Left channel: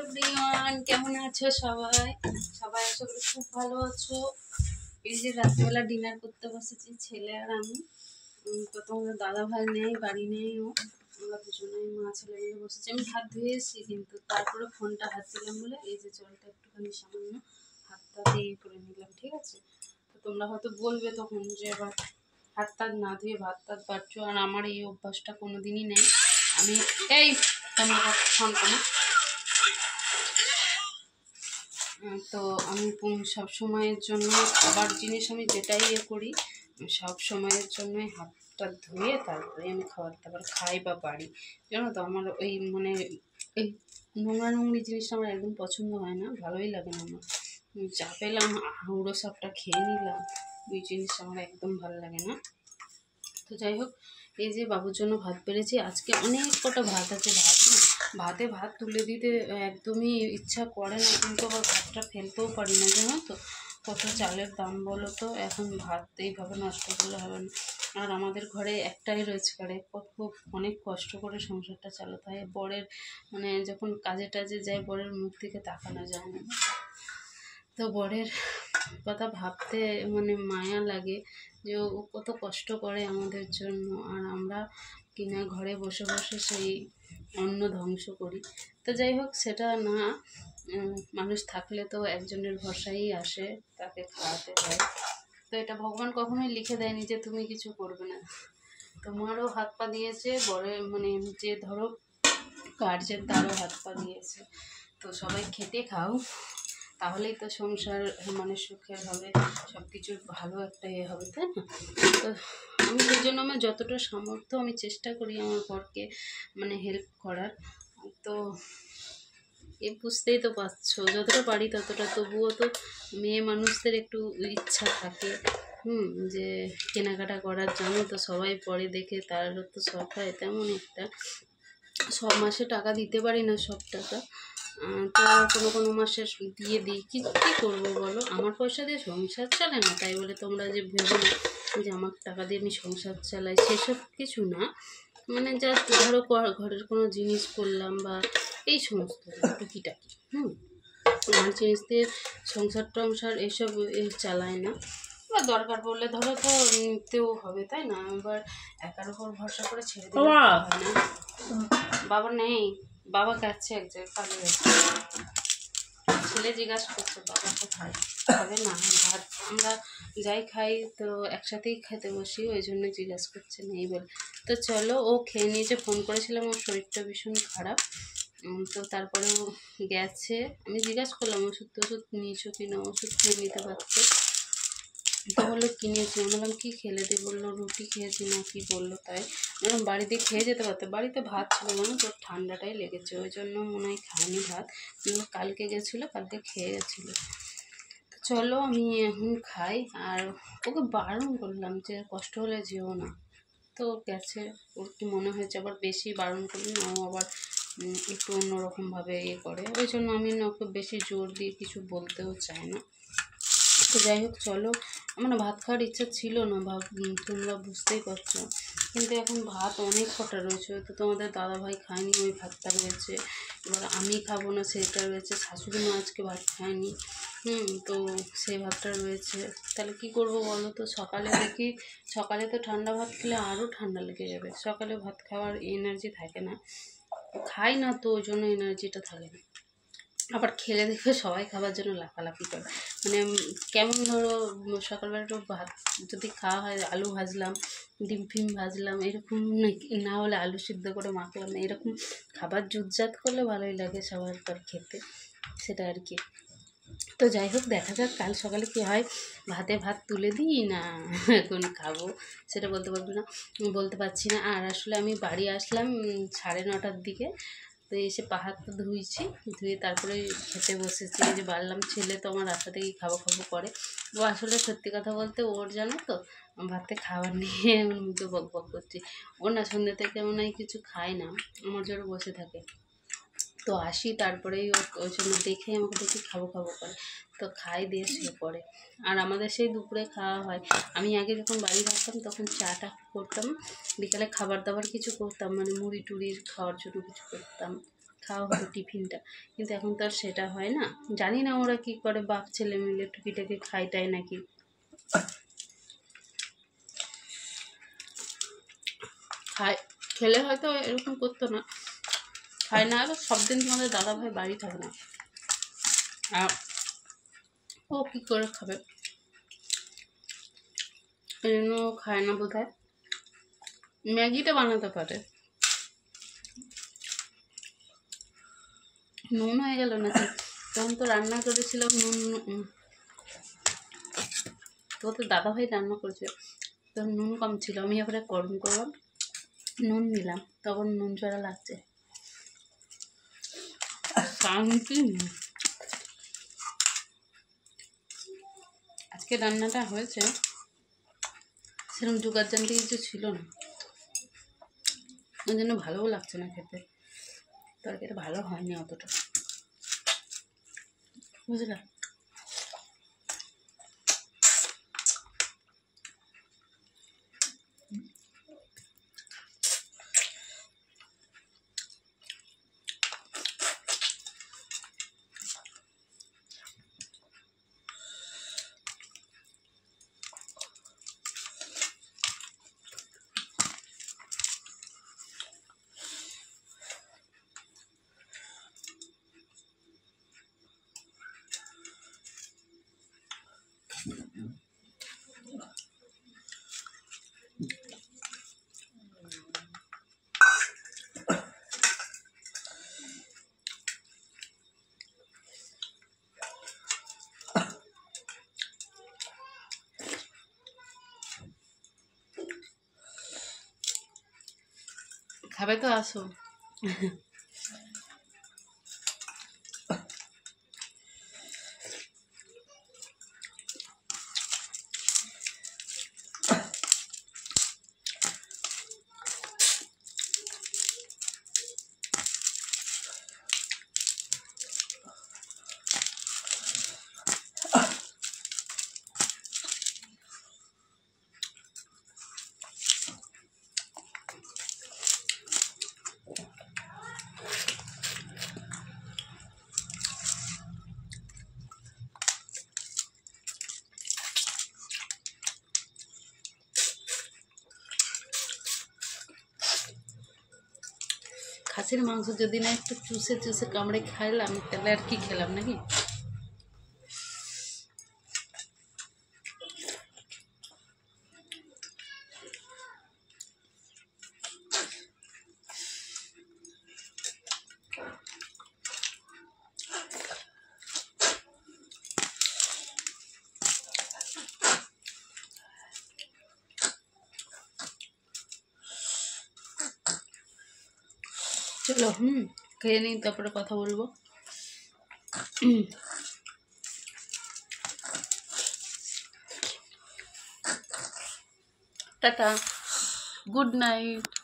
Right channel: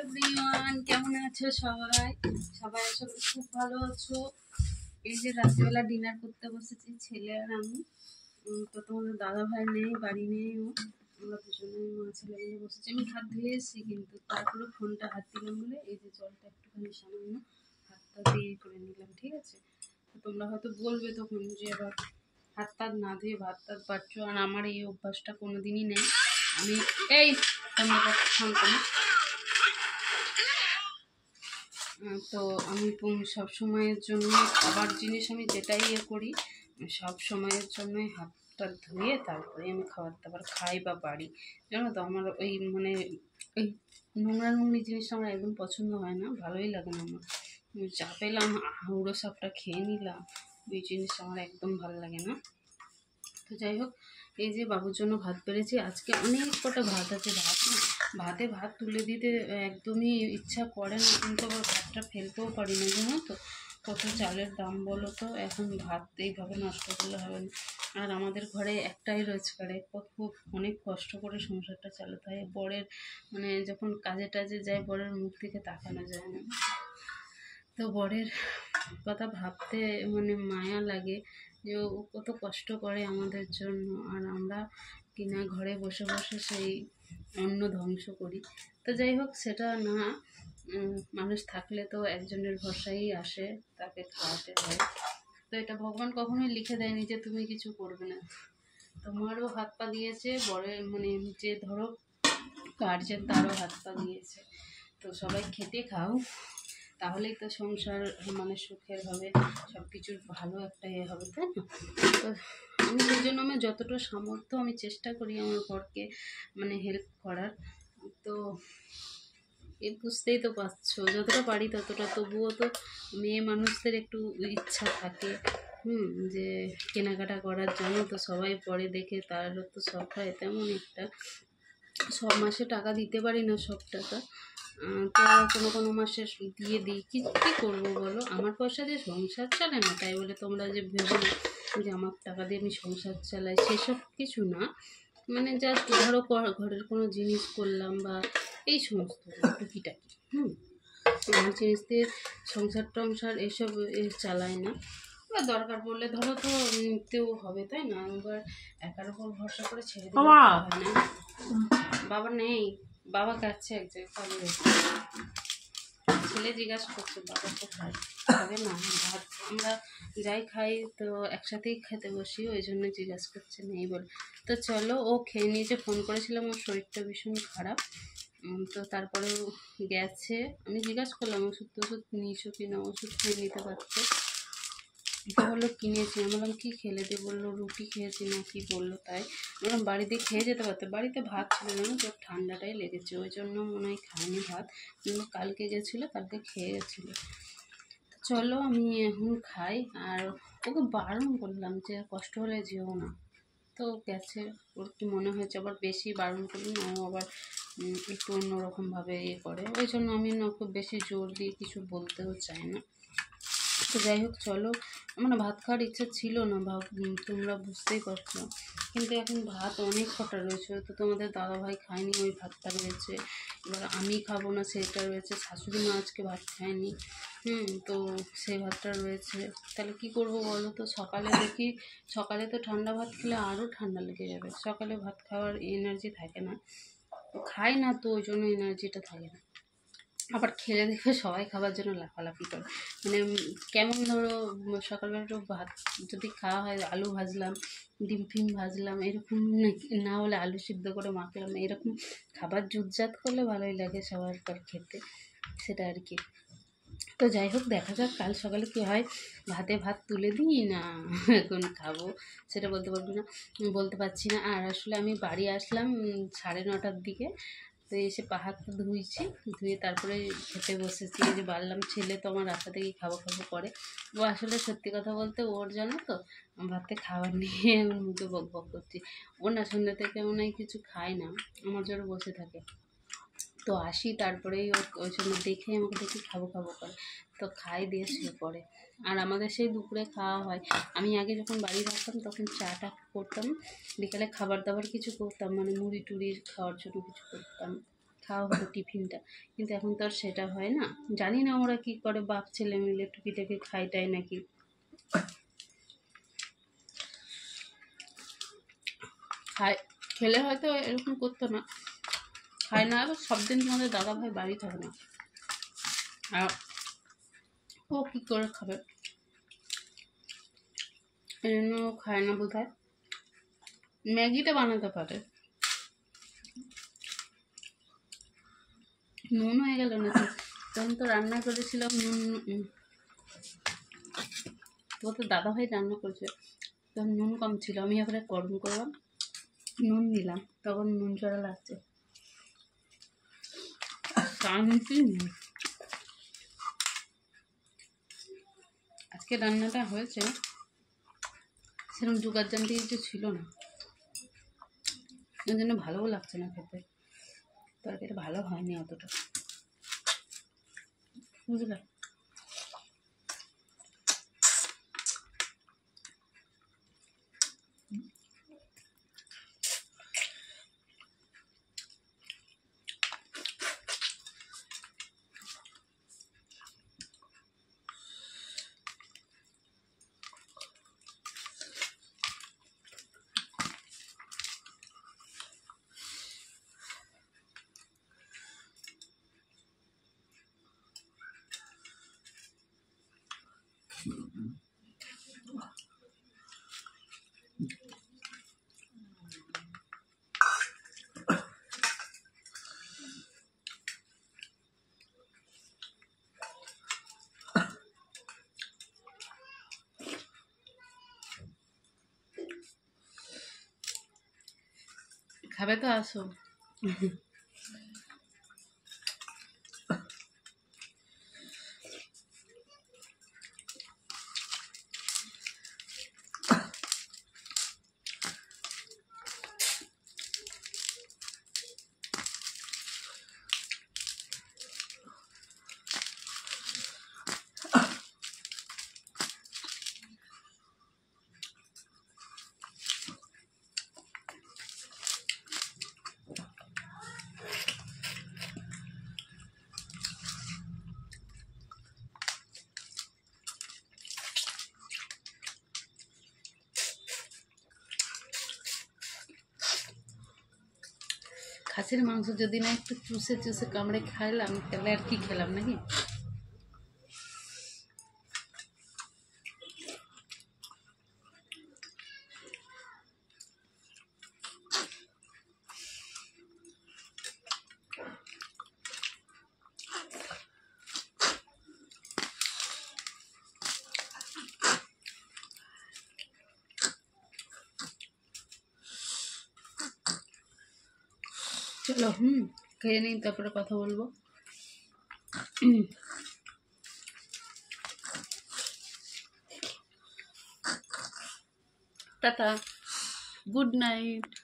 Everyone, কেমন আছো সবাই? সবাই আশা করি খুব ভালো আছো। এই যে রাত্রিবেলা ডিনার করতে বসেছি ছেলে আর আমি। তো তোমাদের দাদা ভাই নেই, বাড়ি নেই, আমরা দুজনেই মা ছেলে মিলে বসেছি। আমি হাত ধুয়ে এসেছি, কিন্তু তারপরে ফোনটা হাত দিলাম বলে এই যে জলটা একটুখানি সামান্য হাতটা দিয়ে করে নিলাম, ঠিক আছে? তো তোমরা হয়তো বলবে তখন যে এবার হাত টাত না ধুয়ে ভাত টাত পাচ্ছো, আর আমার এই অভ্যাসটা কোনোদিনই নেই। আমি এই ফোন করি। তো আমি সব সময়ের জন্য খাবার জিনিস আমি যেটাই করি সব সময়ের জন্যই হাতটা ধুয়ে তারপরে আমি খাবার দাবার খাই বা বাড়ি, জানো তো। আমার ওই মানে এই নোংরা নোংরি জিনিসটা আমার একদম পছন্দ হয় না, ভালোই লাগে না আমার। চা পেলাম হুড়ো সাপটা খেয়ে নিলাম, ওই জিনিসটা আমার একদম ভালো লাগে না। তো যাই হোক, এই যে বাবুর জন্য ভাত বেড়েছি, আজকে অনেক কটা ভাত আছে। ভাত তুলে দিতে একদমই ইচ্ছা করে না, কিন্তু আবার ভাতটা ফেলতেও পারি না, জানো তো। কত চালের দাম বলো তো, এখন ভাত এইভাবে নষ্ট করলে হবে না। আর আমাদের ঘরে একটাই রোজগার, খুব অনেক কষ্ট করে সংসারটা চালাতে হয়। বরের মানে যখন কাজে টাজে যায়, বরের মুখ থেকে তাকানো যায় না। তো বরের কথা ভাবতে মানে মায়া লাগে যে ও কত কষ্ট করে আমাদের জন্য, আর আমরা কিনা ঘরে বসে বসে সেই অন্ন ধ্বংস করি। তো যাই হোক, সেটা না, মানুষ থাকলে তো একজনের ভরসাই আসে, তাকে খাওয়াতে হয়। তো এটা ভগবান কখনোই লিখে দেয়নি যে তুমি কিছু করবে না। তোমারও হাত পা দিয়েছে, বরের মানে যে ধরো গার্জেন, তারও হাত পা দিয়েছে। তো সবাই খেটে খাও, তাহলেই তো সংসার মানে সুখের হবে, সব কিছুর ভালো একটা হবে, তাই না? তো আমি সেই জন্য আমার যতটা সামর্থ্য আমি চেষ্টা করি আমার বরকে মানে হেল্প করার। তো বুঝতেই তো পারছো, যতটা পারি ততটা। তবুও তো মেয়ে মানুষদের একটু ইচ্ছা থাকে যে কেনাকাটা করার, জানো তো, সবাই পরে দেখে তারও তো শখ হয় তেমন একটা। সব মাসে টাকা দিতে পারি না, সব টাকা তো কোনো কোনো মাসে দিয়ে দিই। কী করবো বলো, আমার পয়সা দিয়ে সংসার চালায় না, তাই বলে তোমরা যে ভেবো না যে আমার টাকা দিয়ে আমি সংসার চালাই, সেসব কিছু না। মানে জাস্ট ধরো ঘরের কোনো জিনিস করলাম বা এই সমস্ত টুকিটাকি আমার জিনিস দিয়ে সংসার টংসার এইসব চালায় না। বা দরকার পড়লে ধরো তো নিতেও হবে, তাই না? এবার একার উপর ভরসা করে ছেড়ে দিতে হয় না। বাবা নেই, বাবা কাছে এক জায়গায় কাজে গেছে। ছেলে জিজ্ঞাসা করছে বাবা কোথায়, খাবে না ভাত? আমরা যাই খাই তো একসাথেই খেতে বসি, ওই জন্য জিজ্ঞাসা করছে নেই বলে। তো চলো, ও খেয়ে নিয়েছে। ফোন করেছিলাম, ওর শরীরটা ভীষণ খারাপ। তো তারপরেও গেছে। আমি জিজ্ঞাসা করলাম ওষুধ টষুধ নিয়েছো কিনা, ওষুধ খেয়ে নিতে পারছে। তো বললো কিনেছি। আমি বললাম কী খেলে দিয়ে, বললো রুটি খেয়েছি না কি বললো। তাই বললাম বাড়িতে খেয়ে যেতে পারতে, বাড়িতে ভাত ছিল না, তোর ঠান্ডাটাই লেগেছে, ওই জন্য মনে হয় খায়নি ভাত। কিন্তু কালকে গেছিলো, কালকে খেয়ে গেছিলো। তো চলো আমি এখন খাই। আর ওকে বারণ করলাম যে কষ্ট হলে যেও না, তো গেছে। ওর কি মনে হয়েছে, আবার বেশি বারণ করলে না ও আবার একটু অন্যরকমভাবে করে, ওই জন্য আমি ওকে বেশি জোর দিয়ে কিছু বলতেও চাই না। তো যাই হোক চলো, আমার ভাত খাওয়ার ইচ্ছা ছিল না, তোমরা বুঝতেই পারছো। কিন্তু এখন ভাত অনেক কটা রয়েছে, তো তোমাদের দাদাভাই খায়নি, ওই ভাতটা রয়েছে। এবার আমি খাবো না, সেটা রয়েছে। শাশুড়ি মা আজকে ভাত খায়নি, তো সেই ভাতটা রয়েছে। তাহলে কি করবো বলো তো? সকালে দেখি, সকালে তো ঠান্ডা ভাত খেলে আরও ঠান্ডা লেগে যাবে। সকালে ভাত খাওয়ার এনার্জি থাকে না, খাই না তো ওই জন্য এনার্জিটা থাকে না। আবার খেলে দেখবে সবাই খাবার জন্য লাফালাফি করে। মানে কেমন ধরো, সকালবেলা একটু ভাত যদি খাওয়া হয়, আলু ভাজলাম, ডিম ফিম ভাজলাম, এরকম না হলে আলু সিদ্ধ করে মাখলাম, এরকম খাবার জুতজাত করলে ভালোই লাগে সবার খেতে, সেটা আর কি। তো যাই হোক, দেখা যাক কাল সকালে কী হয়। ভাত তুলে দিই না এখন খাবো, সেটা বলতে পারছি না। আর আসলে আমি বাড়ি আসলাম 9:30টার দিকে। তো এসে পা হাত ধুয়েছি, ধুয়ে তারপরে খেতে বসেছি। এই যে বাড়লাম, ছেলে তো আমার রাস্তা থেকেই খাবো করে। ও আসলে সত্যি কথা বলতে, ওর জানো তো ভাতে খাবার নিয়ে আমার মুখে বক করছি। ও না সন্ধ্যে থেকে মনে হয় কিছু খায় না, আমার জন্য বসে থাকে। তো আসি, তারপরেই ওই জন্য দেখে আমাকে দেখি খাবো করে, তো খাই দিয়ে শুয়ে পড়ে। আর আমাদের সেই দুপুরে খাওয়া হয়। আমি আগে যখন বাড়ি থাকতাম তখন চাটা করতাম, বিকালে খাবার দাবার কিছু করতাম, মানে মুড়ি টুড়ির খাওয়ার জন্য কিছু করতাম, খাওয়া হতো টিফিনটা, কিন্তু এখন তো আর সেটা হয় না। জানি না ওরা কি করে, বাপ ছেলে মিলে টুকিটাকি খাইটাই নাকি। খায়, খেলে হয়তো এরকম করতো না, খায় না। এবার সব দিন তোমাদের দাদা ভাই বাড়ি থাকে না, আর ও কী করে খাবে, এই জন্য খায় না বোধ হয়। ম্যাগিটা বানাতে পারে। নুন হয়ে গেল নাকি? তখন তো রান্না করেছিলাম নুন, তো দাদা ভাই রান্না করেছিল, তখন নুন কম ছিল। আমি এবারে গরম করলাম, নুন নিলাম, তখন নুন চড়া লাগছে। শান্তি নেই। আজকে রান্নাটা হয়েছে সেরকম জোগাড় জানতে কিছু ছিল না, ওই জন্য ভালোও লাগছে না খেতে। তরকারিটা ভালো হয়নি অতটা, বুঝলে। খাবে তো আসো। খাসির মাংস যদি না একটু চুষে চুষে কামড়ে খাইলাম, তাহলে আর কি খেলাম নাকি। চলো খেয়ে নিই, তারপরে কথা বলবো। Tata, good night.